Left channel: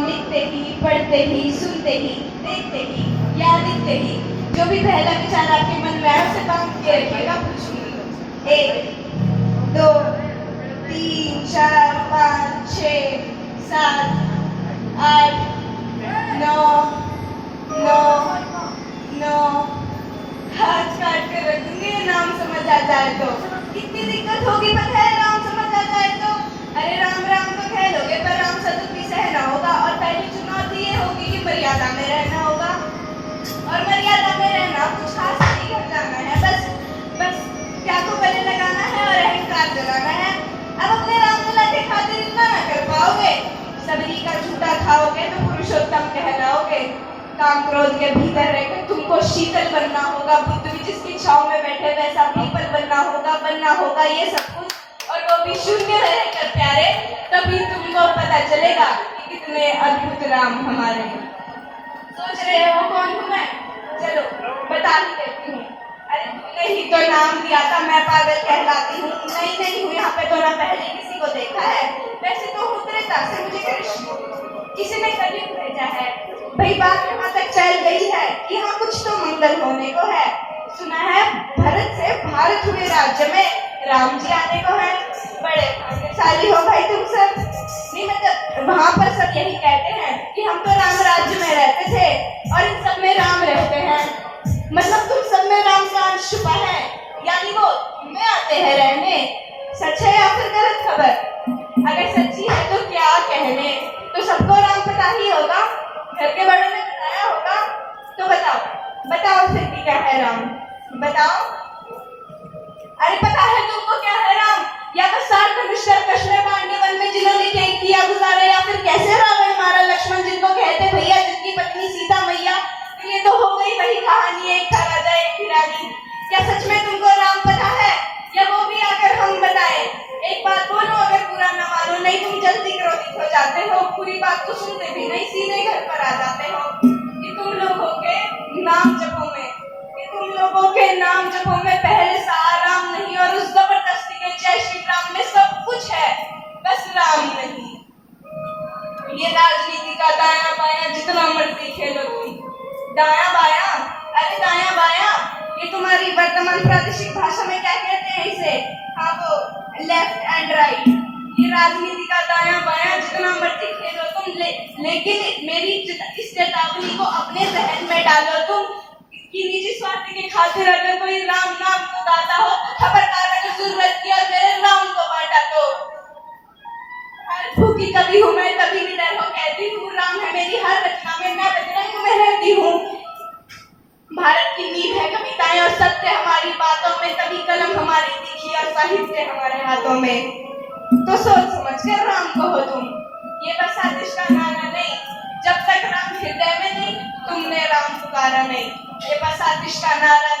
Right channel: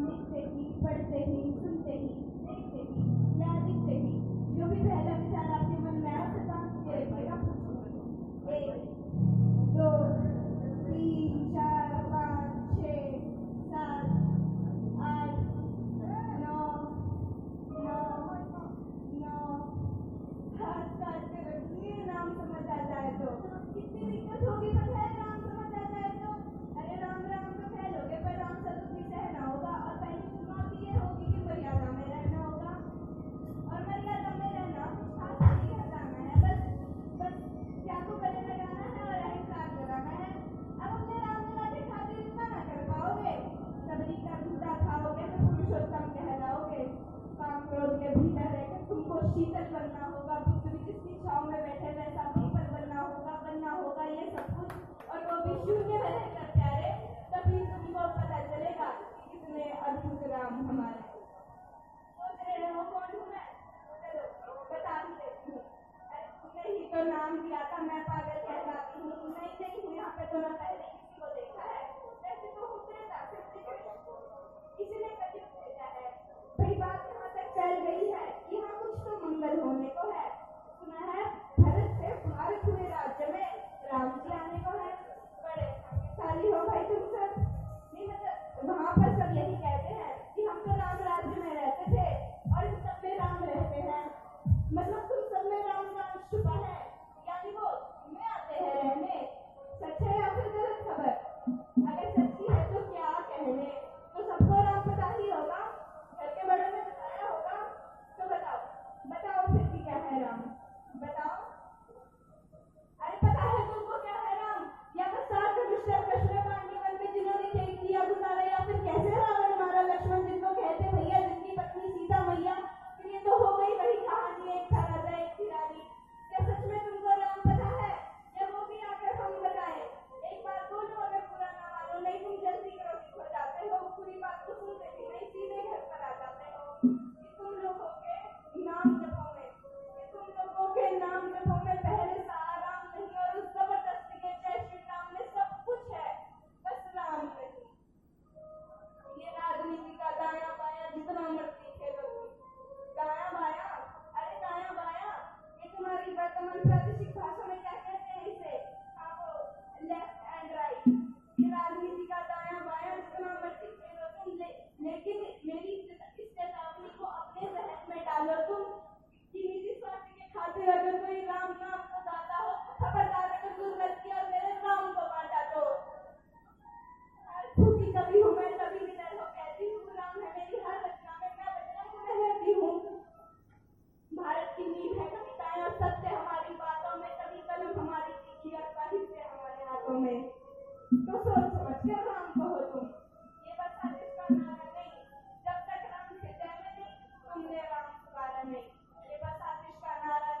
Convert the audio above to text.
नाम लिखते ही, पढ़ते ही, सुनते ही, देखते ही या दिखते ही जो भी पहला विचार आपके मन में आए उसे बांध के रखिएगा। पूछूंगी 1 2 3 4 5 6 7 8 9 9 9 हाथ काट कर रखूंगी नाम समझ आ जाए तो। कितनी दिक्कत होगी पता है नाम समझ आ जाए तो। अरे राम राम तो कह लोगे पर राम सतुत भी सहना होगा और पहली चुनौती ये होगी कि मर्यादा में रहना होगा। और मर्यादा में रहना कुछ खास नहीं कर जाना है, बस क्या को गले लगाना है और अहंकार जलाना है। अब अपने राम लला के खातिर इतना ना कर पाओगे, सबरी का झूठा खाओगे तो पुरुषोत्तम कहलाओगे। काम क्रोध के भीतर रहकर तुमको शीतल बनना होगा, बुद्ध भी जिसकी छाव में बैठे वैसा पीपल बनना होगा ये सब कुछ, और वो भी शून्य रहकर प्यारे। तभी तुमको पता चलेगा कि कितने अद्भुत राम हमारे हैं। सोच रहे हो कौन हूँ मैं? चलो बता ही देती हूँ। अरे तुमने ही तो नाम दिया था, मैं पागल कहलाती हूँ। नहीं हूँ यहाँ पे तो ना पहले किसी को देखा है, वैसे तो उत्तरेता से मुझे कृष्ण किसी ने कलयुग भेजा है। भाई बात यहाँ तक चल गई है कि हाँ कुछ तो मंगल होने को है। सुना है भरत से भारत हुए राज्य में राम जी आने को है। बड़े भाग्यशाली हो भाई तुम सब। नहीं मतलब वहाँ पर सब यही कहते हैं कि हम तो राम राज्य में रहते थे और इन सब में राम रहते हैं। मतलब तुम सब में राम का अंश छुपा है, यानी वो में आते हैं रहने। सच है या फिर गलत खबर? अगर सच्ची है तो क्या कहने, तो सबको राम पता ही होगा, घर के बड़ों ने बताया होगा। तो बताओ फिर भी क्या है राम? बताओ। अरे पता है तुमको क्या है राम? या तो सात धनुष्कर कृष्ण पांडवन में जिन्होंने क्या किया गुजारा, या फिर कैसे रावण मारा लक्ष्मण जिनको कहते भैया, जिनकी पत्नी सीता मैया। तो ये तो हो गई वही कहानी, एक था राजा एक थी रानी। क्या सच में तुमको राम पता है, या वो भी आकर हम बताए? एक बात बोलो, अगर पूरा न मानो, नहीं तुम जल्दी क्रोधित हो जाते हो, पूरी बात को सुनते भी नहीं, सीधे घर पर आ जाते हो। कि तुम लोगों के नाम जपों में पहले सा राम नहीं, और उस जबरदस्ती के जय श्री राम में सब कुछ है, बस राम नहीं। ये राजनीति का दाया बाया जितना मर्जी खेलो तुम। दाया बाया, अरे दाया बाया ये तुम्हारी वर्तमान प्रादेशिक भाषा में क्या कहते हैं इसे? हाँ वो लेफ्ट एंड राइट। ये राजनीति का दाया बाया जितना मर्जी खेलो तुम, लेकिन मेरी इस चेतावनी को अपने जहन में डालो तुम कि निजी स्वार्थ के खातिर अगर कोई राम नाम को गाता हो तो खबरदार, अगर जरूरत की और मेरे राम को बांटा तो। भूखी कभी हूँ मैं, कभी निडर हो कहती हूँ राम है मेरी हर रचना में, मैं बजरंग में रहती हूँ। भारत की नींव है कविताएं और सत्य हमारी बातों में, तभी कलम हमारी तीखी और साहित्य हमारे हाथों में। तो सोच समझ कर राम कहो तुम, ये बस आतिश का नारा नहीं। जब तक राम हृदय में नहीं तुमने राम पुकारा नहीं। ये बस आतिश का नारा